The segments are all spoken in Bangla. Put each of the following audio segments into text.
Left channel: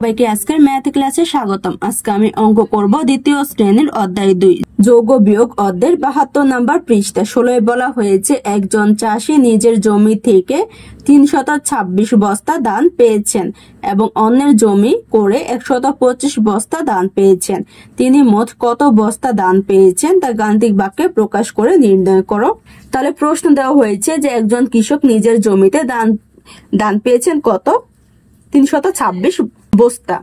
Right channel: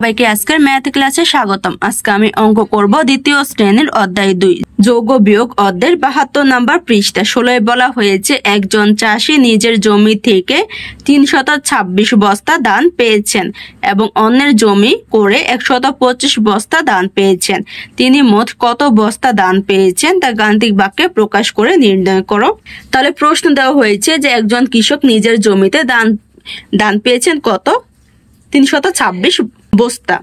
সবাইকে আজকের ম্যাথ ক্লাসে স্বাগতম। আজকে আমি অঙ্ক করব দ্বিতীয় শ্রেণীর অধ্যায় 2 যোগ ও বিয়োগ অধ্যায়ের 72 নম্বর পৃষ্ঠা। 16 বলা হয়েছে একজন চাষি নিজের জমি থেকে 326 বস্তা ধান পেয়েছেন এবং অন্যের জমি করে 125 বস্তা ধান পেয়েছেন। তিনি মোট কত বস্তা ধান পেয়েছেন তা গাণিতিক বাক্যে প্রকাশ করে নির্ণয় করো। তাহলে প্রশ্ন দেওয়া হয়েছে যে একজন কৃষক নিজের জমিতে ধান পেয়েছেন কত? 326 বস্তা,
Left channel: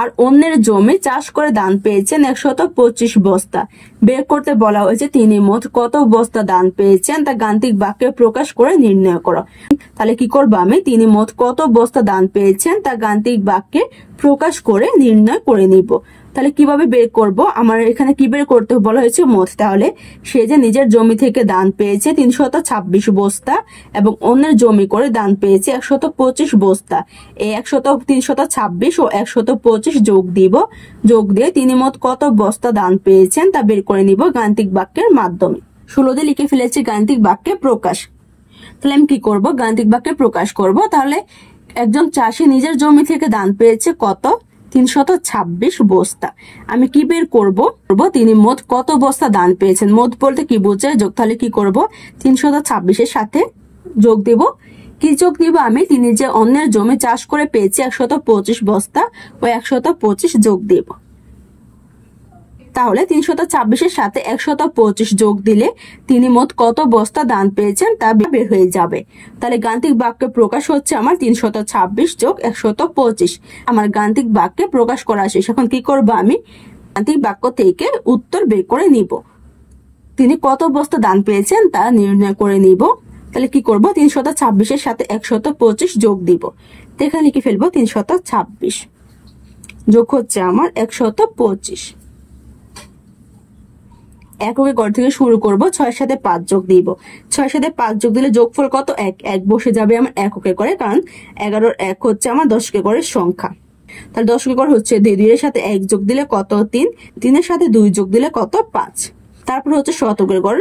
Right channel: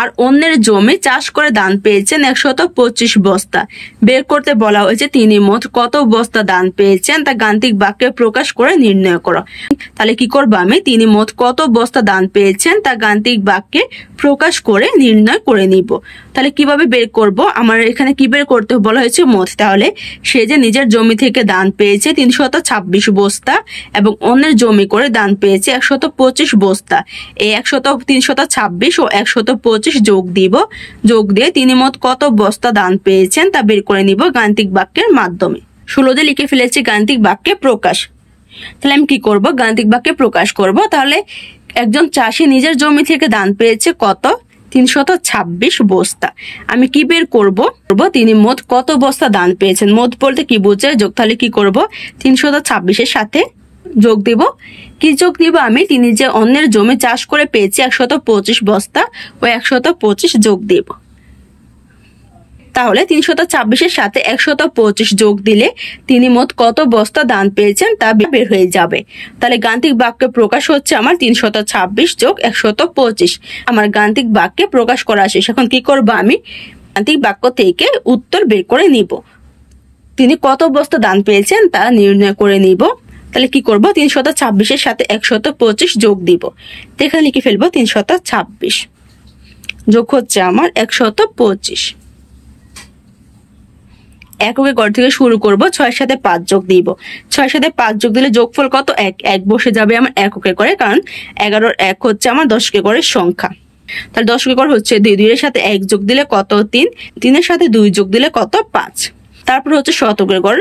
আর অন্যের জমি চাষ করে ধান পেয়েছেন 125 বস্তা। বের করতে বলা হয়েছে তিনি মোট কত বস্তা ধান পেয়েছেন তা গাণিতিক বাক্যে প্রকাশ করে নির্ণয় করো। তাহলে কি করবো আমি? তিনি মোট কত বস্তা ধান পেয়েছেন তা গাণিতিক বাক্যে প্রকাশ করে নির্ণয় করে নিব। তাহলে কিভাবে বের করব? আমার এখানে কি বের করতে বলা হয়েছে? মোট। তাহলে সে যে নিজের জমি থেকে ধান পেয়েছে 326 বস্তা এবং অন্যের জমি করে ধান পেয়েছে 125 বস্তা। এই 326 ও 125 যোগ দিয়ে তিনি মোট কত বস্তা ধান পেয়েছেন তা বের করে নিব গাণিতিক বাক্যের মাধ্যমে। 16 লিখে ফেলেছি গাণিতিক বাক্যে প্রকাশ। তাহলে আমি কি করব? গাণিতিক বাক্যে প্রকাশ করব। তাহলে একজন চাষি নিজের জমি থেকে ধান পেয়েছে কত? 326 বস্তা। আমি কি বের করব? তিনি মোট কত বস্তা ধান পেয়েছেন। মোট বলতে কি বোঝায়? যোগ। তাহলে কি করব? 326 এর সাথে যোগ দিব। কি যোগ দিব আমি? তিনি যে অন্যের জমি চাষ করে পেয়েছে 125 বস্তা, ও 125 যোগ দিব। তাহলে 326 এর সাথে 125 যোগ দিলে তিনি মোট কত বস্তা ধান পেয়েছেন তা বের হয়ে যাবে। তাহলে গাণিতিক বাক্যে প্রকাশ হচ্ছে আমার 326 যোগ 125। আমার গাণিতিক বাক্যে প্রকাশ করা শেষ। এখন কি করব? আমি গাণিতিক বাক্য থেকে উত্তর বের করে নিব। তিনি কত বস্তা ধান পেয়েছেন তা নির্ণয় করে নিব। তাহলে কি করব? 326 এর সাথে 125 যোগ দিব। তো এখানে লিখে ফেলবো 326 যোগ হচ্ছে আমার 125। এককের ঘর থেকে শুরু করব। 6 সাথে 5 যোগ দিব। 6 সাথে 5 যোগ দিলে যোগফল কত? 1 বসে যাবে আমার এককের ঘরে, কারণ 11 1 হচ্ছে আমার দশকের ঘরের সংখ্যা। তাহলে দশকের ঘর হচ্ছে 2, 2 এর সাথে 1 যোগ দিলে কত? 3, 3 এর সাথে 2 যোগ দিলে কত? 5। তারপর হচ্ছে শতকের ঘর।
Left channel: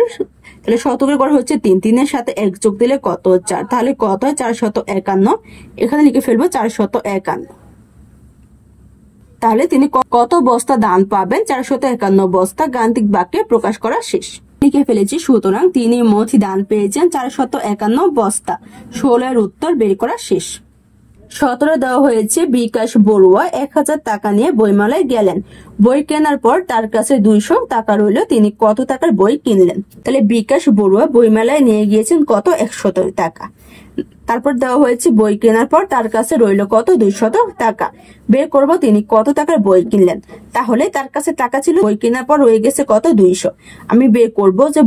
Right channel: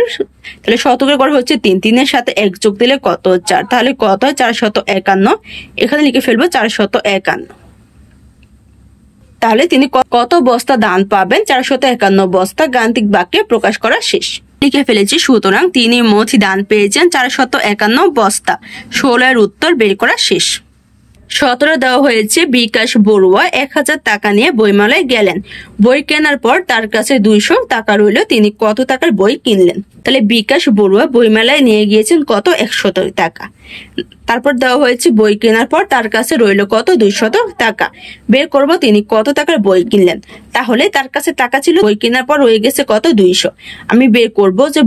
তাহলে শতকের ঘর হচ্ছে 3, 3 এর সাথে 1 যোগ দিলে কত? 4। তাহলে কত হয়? 451। এখানে লিখে ফেলবো 451। তাহলে তিনি কত বস্তা ধান পাবেন? 451 বস্তা। গাণিতিক বাক্যে প্রকাশ করা শেষ। লিখে ফেলেছি। সুতরাং তিনি মোট ধান পেয়েছেন 451 বস্তা। 16 এর উত্তর বের করা শেষ। 17 দেওয়া হয়েছে বিকাশ বড়ুয়া 1000 টাকা নিয়ে বইমেলায় গেলেন। বই কেনার পর তার কাছে 200 টাকা রইল। তিনি কত টাকার বই কিনলেন? তাহলে বিকাশ বড়ুয়া বইমেলায় নিয়ে গিয়েছেন কত? 100 টাকা। তারপর দেওয়া হয়েছে বই কেনার পর তার কাছে রইল কত? 200 টাকা। বের করব তিনি কত টাকার বই কিনলেন। তাহলে তার কাছে টাকা ছিল, বই কেনার পর রয়ে গেছে কত? 200। আমি বের করব যে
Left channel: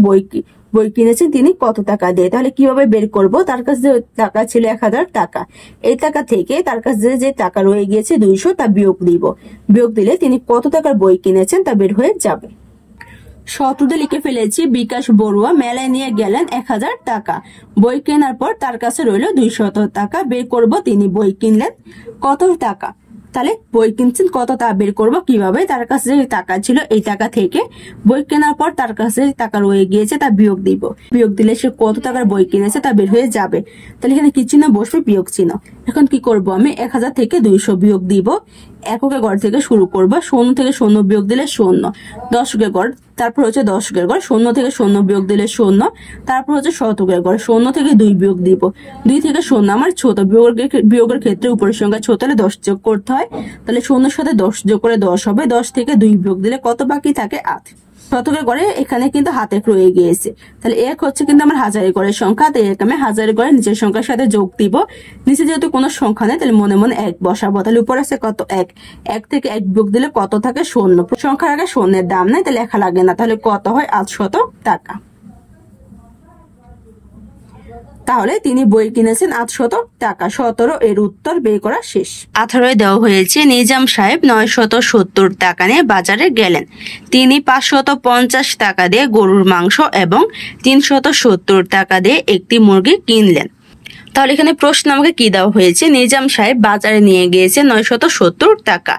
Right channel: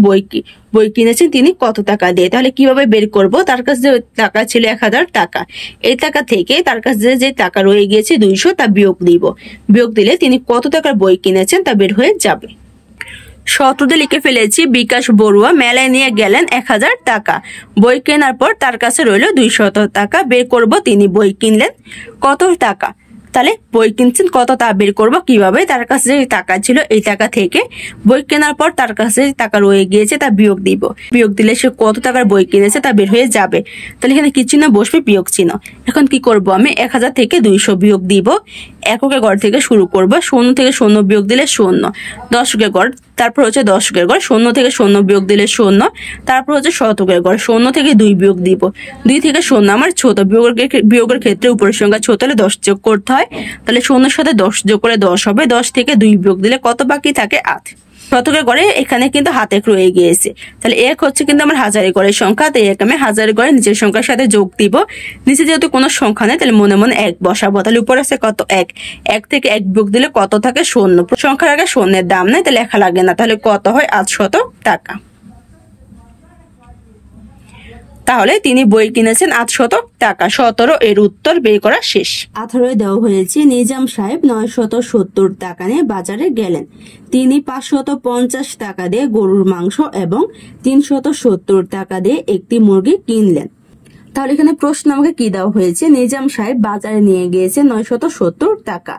বই কিনেছেন তিনি কত টাকা দিয়ে। তাহলে কিভাবে বের করব? তার কাছে যে টাকা ছিল 1000 টাকা, এই টাকা থেকে তার কাছে যে টাকা রয়ে গিয়েছে 200 তা বিয়োগ দিব। বিয়োগ দিলে তিনি কত টাকার বই কিনেছেন তা বের হয়ে যাবে। 17 লিখে ফেলেছি বিকাশ বড়ুয়া মেলায় নিয়ে গেলেন 1000 টাকা। বই কেনার পর তার কাছে রইল 200 টাকা। বের করব তিনি বই কিনলেন কত টাকা। তাহলে বই কিনছেন কত তা বের করব কিভাবে? তার কাছে যে টাকা ছিল এই টাকা থেকে বই কেনার পর তার কাছে টাকা রয়ে গিয়েছে তা বিয়োগ দিব। বিয়োগ দিলে সে কত টাকার বই কিনেছে তা বের হয়ে যাবে। তাহলে এখানে কি চিহ্ন বসবে? বিয়োগ চিহ্ন। এখন কি করব? আমি 1000 থেকে 200 বিয়োগ দিব। এককের ঘর থেকে শুরু করব। 0 থেকে 0 বিয়োগ দিলে 0। দশকের ঘর। তারপর হচ্ছে দশকের ঘর। 0 থেকে 0 বিয়োগ দিলে 0। তারপর হচ্ছে শতকের ঘর। 0 থেকে 2 বিয়োগ দিব। 2 থেকে 0 আমার ছোট। বিয়োগের ক্ষেত্রে উপরের সংখ্যা ছোট হলে 10 যোগ করতে হয়। তাহলে 0 এর সাথে 10 যোগ করে 10 হবে। 10 থেকে 2 বিয়োগ দিলে কত বাকি থাকে? 8। শতকের ঘরে এখানে কিন্তু হাতে রয়ে গিয়েছে। তাহলে 1 হচ্ছে কিন্তু আমার হাজারের ঘরের সংখ্যা। তাই আমি হাজারের ঘরে নিচের সংখ্যার সাথে যোগ দিব। নিচে যেহেতু কোনো সংখ্যা নেই তাহলে মনে মনে 1 বসাবো। তাহলে উপরে আছে কত? 1। 1 থেকে 1 বিয়োগ দিলে কত থাকে? 0। সংখ্যার আগে 0 এর দাম নেই তাহলে লেখা লাগে না। তাহলে কত হয়? 800 টাকা। তাহলে তিনি বই কিনেছেন 800 টাকা। 17 এর উত্তর বের করা শেষ। 18 দেওয়া হয়েছে নিজাম সাহেব 970 টাকা নিয়ে বাজারে গেলেন। তিনি 550 টাকা দিয়ে গরুর মাংস এবং 370 টাকা দিয়ে একটি মুরগি কিনলেন। তাহলে এখানে প্রশ্ন আমাকে কি দেওয়া হয়েছে? নিজাম সাহেব বাজারে নিয়ে গিয়েছে 970 টাকা।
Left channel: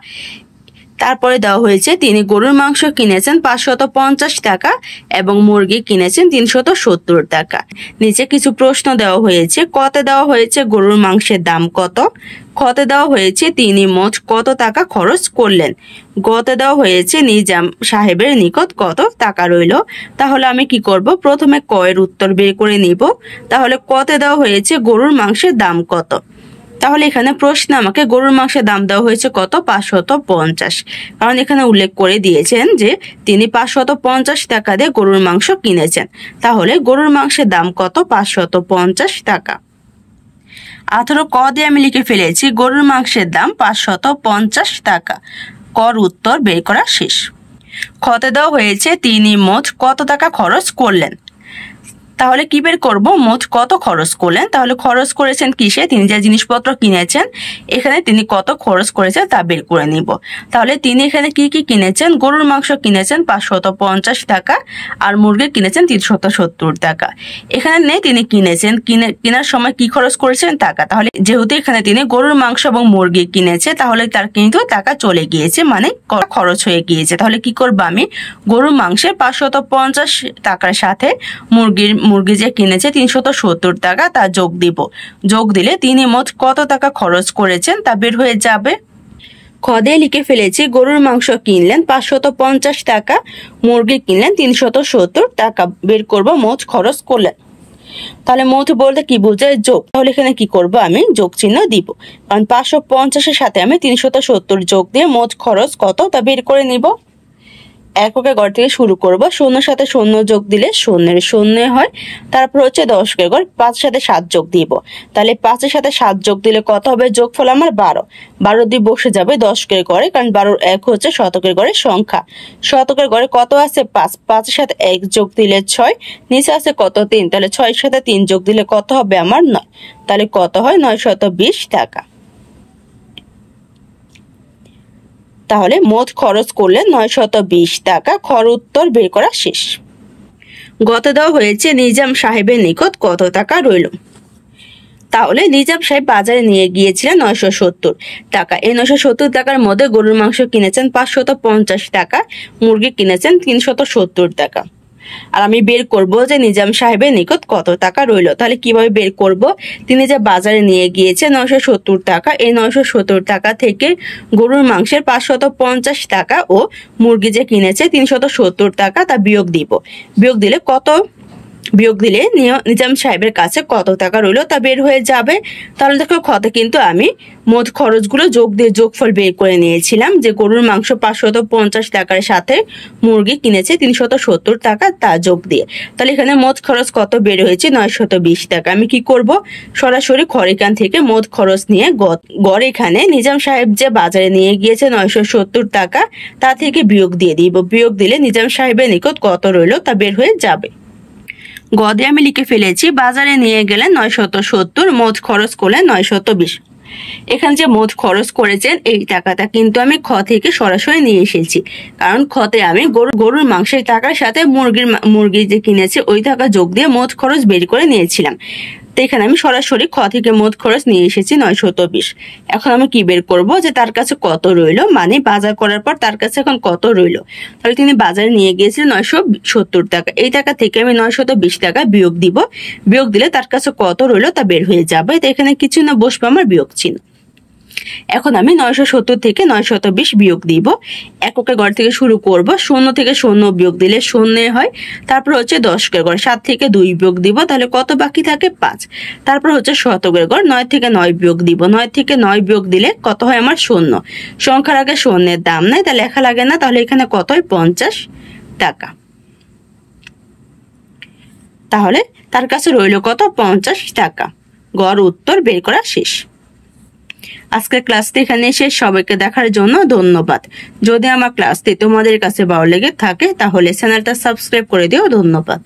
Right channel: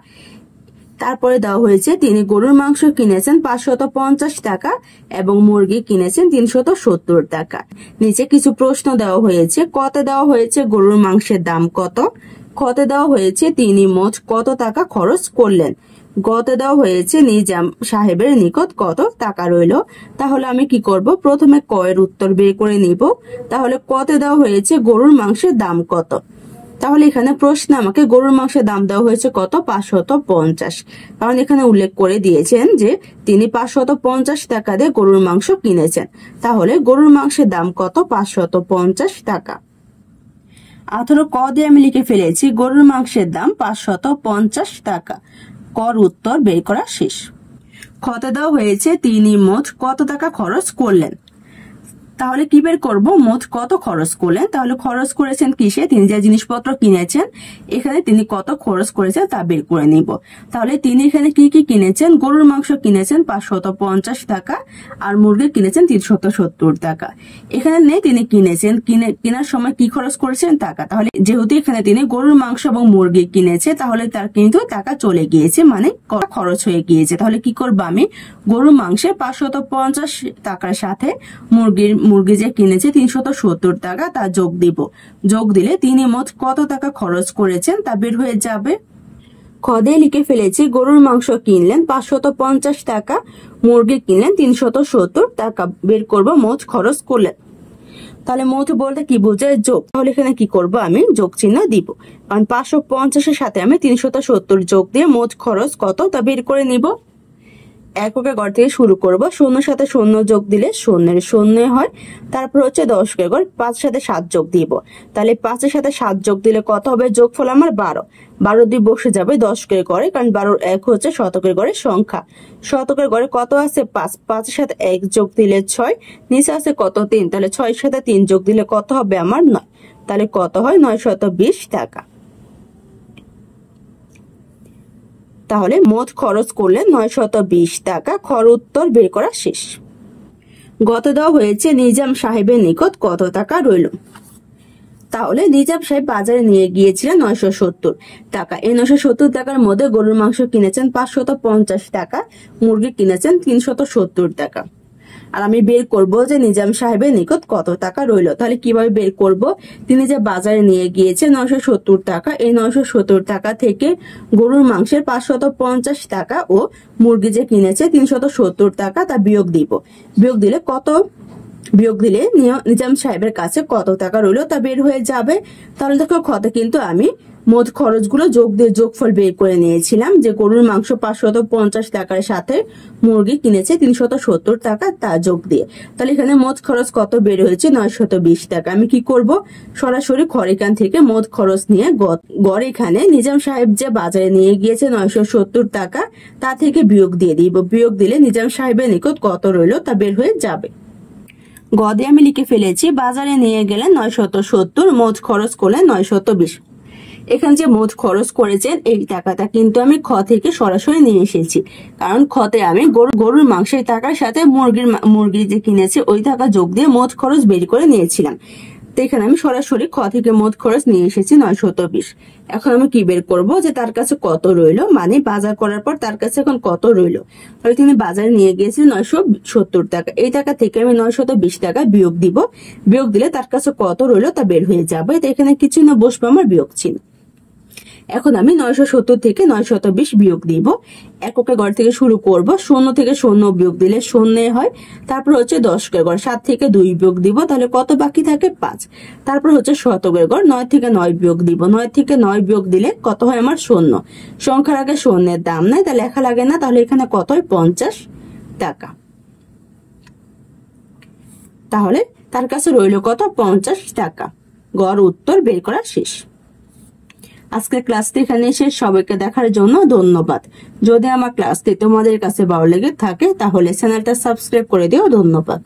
তারপরে দেওয়া হয়েছে তিনি গরুর মাংস কিনেছেন 550 টাকা এবং মুরগি কিনেছেন 370 টাকা। নিচে কিছু প্রশ্ন দেওয়া হয়েছে। কতে দেওয়া হয়েছে গরুর মাংসের দাম কত, খতে দেওয়া হয়েছে তিনি মোট কত টাকা খরচ করলেন, গতে দেওয়া হয়েছে নিজাম সাহেবের নিকট কত টাকা রইল। তাহলে আমি কি করব, প্রথমে ক এর উত্তর বের করে নিব। তাহলে কতে দেওয়া হয়েছে গরুর মাংসের দাম কত, তাহলে এখানে প্রশ্নে আমাকে গরুর মাংসের দাম দেওয়া হয়েছে কত, 550, কারণ এখানে উল্লেখ করে দিয়েছেন যে তিনি 550 টাকা দিয়ে গরুর মাংস কিনেছেন। তাহলে গরুর মাংসের দাম কত, 550 টাকা। 18 ক দিয়ে আমি লিখে ফেলেছি গরুর মাংসের দাম 550 টাকা। কর উত্তর বের করা শেষ। খতে দেওয়া হয়েছে তিনি মোট কত টাকা খরচ করলেন। তাহলে কি বের করব, মোট কত খরচ করলেন। তাহলে খরচ করেছেন কিসে, তিনি যে জিনিসপত্র কিনেছেন এখানে তিনি কত খরচ করেছেন তা বের করে নিব। তাহলে তিনি এখানে কি কি কিনেছেন, গরুর মাংস কিনেছেন 550 টাকা আর মুরগি কিনেছেন 370 টাকা। এখানে নেই তিনি কিনেছেন, কেনার সময় কি খরচ করেছেন টাকা। তাহলে যেহেতু এখানে তিনি গরুর মাংস এবং মুরগি কিনেছে তাহলে তার কিন্তু টাকা চলে গিয়েছে, মানে খরচ হয়ে গিয়েছে। তাহলে কি করব, আমি গরুর মাংসের 550 টাকার সাথে মুরগি যে কিনেছে 370 টাকা তা যোগ দিব। যোগ দিলে তিনি মোট কত টাকা খরচ করেছেন তা বের হয়ে যাবে। খদে লিখে ফেলেছি গরুর মাংস কিনলেন 550 টাকা, মুরগি কিনলেন 370 টাকা। বের করব মোট খরচ করলেন। তাহলে মোট বলতে কি বোঝায়, যোগ। তাহলে এখানে কি করব, আমি যোগ চিহ্ন দিব, কারণ 550 এর সাথে আমি 370 যোগ দিয়ে মোট খরচ কত তা বের করে নিব। এককের ঘর থেকে শুরু করব। শূন্যর সাথে শূন্য যোগ দিলে শূন্যের শূন্য হয়। তারপর হচ্ছে দশকের ঘর, 5 সাথে 7 যোগ দিব। তাহলে 5 সাথে 7 যোগ দিলে কত হবে, যোগফল আমার 12। 12 দিয়ে বসে যাবে দশকের ঘরে, কারণ 12 এক হচ্ছে শতকের ঘরের সংখ্যা। শতকের ঘরে কত আছে, 5। 5 সাথে 1 যোগ দিলে 6। নিচে আছে কত, 3। তাহলে 6 সাথে 3 যোগ দিলে কত হবে আমার 9। তাহলে কত হয়, 920 টাকা। তাহলে মোট খরচ করলে 920 টাকা। খর উত্তর বের করা শেষ। গত দেওয়া হয়েছে নিজাম সাহেবের নিকট কত টাকা রইল। তাহলে নিজাম সাহেব বাজারে নিয়ে গিয়েছিলেন 970 টাকা। এই 970 টাকার মধ্যে গরুর মাংস কিনেছেন 550 টাকা, মুরগি কিনেছেন 370 টাকা। আর আমি বের করব যে নিজাম সাহেবের নিকট কত টাকা রইল। তাহলে কিভাবে বের করব, তিনি যে বাজারে নিয়ে গিয়েছে 970 টাকা, এই 970 টাকা থেকে গরুর মাংসের 550 টাকা ও মুরগি যে কিনেছে 370 টাকা তা বিয়োগ দিব। বিয়োগ দিলে নিজাম সাহেবের কাছে কত টাকা রইল তা বের হয়ে যাবে। তাহলে দেখো খতে কিন্তু আমি মোট খরচগুলো যোগ দিয়ে যোগফল বের করে নিয়েছিলাম, যে গরুর মাংস 550 টাকার সাথে মুরগি কিনেছে 370 টাকা তা যোগ দিয়ে। তাহলে এখানে মোট খরচ কত বের হয়েছে, 920 টাকা। আমি কি করব, সরাসরি খরিকান থেকে মোট খরচ নিয়ে গড় এখানে নিজাম সাহেব যে বাজারে নিয়ে গিয়েছে 970 টাকা তা থেকে বিয়োগ দিয়ে দিব। বিয়োগ দিলে নিজাম সাহেবের নিকট কত রইল তা বের হয়ে যাবে। গদে আমি লিখে ফেলেছি বাজারে নিয়ে গেলেন 970, মোট খরচ করলেন 920। এখানে যে মোট খরচ করেছেন এই টাকাটা কিন্তু আমি খ থেকে সরাসরি নিয়ে এসেছি, কারণ খতে আমি গরুর মাংসের টাকার সাথে মুরগি যে কিনেছে ওই টাকা যোগ দিয়ে মোট খরচ বের করে নিয়েছিলাম। তো এখানে আমি সরাসরি খ থেকে মোট খরচ নিয়ে এসেছি 920। এখন আমি কি বের করব, যে তার কাছে কত রইল, মানে বাজার করার পর তার কাছে এখন কত রইল। তাহলে তিনি বাজারে নিয়ে গিয়েছিলেন 970 টাকা, এই টাকা থেকে আমি 920 টাকা বিয়োগ দিব। বিয়োগ দিলে তার কাছে কত রইল তা বের হয়ে যাবে। তো এখানে কিছু না বসবে আমার বিয়োগ চিহ্ন। এখন আমি 970 থেকে 920 বিয়োগ দিব। এককের ঘর থেকে শুরু করব। 0 থেকে 0 বিয়োগ দিলে 0 হয়। তারপর হচ্ছে দশকের ঘর, 7 থেকে 2 বিয়োগ দিব, তাহলে কত বাকি থাকে, 5। তারপর হচ্ছে শতকের ঘর, 9 থেকে 9 বিয়োগ দিব। 9 থেকে 9 বিয়োগ দিলে কত হয় আমার 0। সংখ্যার আগে শূন্যের দাম নাই, তা লেখা লাগে না। তাহলে এখানে কত হয়, 50 টাকা। তাহলে তার কাছে রইল কত, 50 টাকা। গড় উত্তর বের করা শেষ। আজকের ক্লাসটি এখানে শেষ। সবাইকে দেখার জন্য ধন্যবাদ। যদি আমার ক্লাসটি তোমাদের কাছে ভালো লেগে থাকে তাহলে চ্যানেলটা সাবস্ক্রাইব করে দিও। ধন্যবাদ।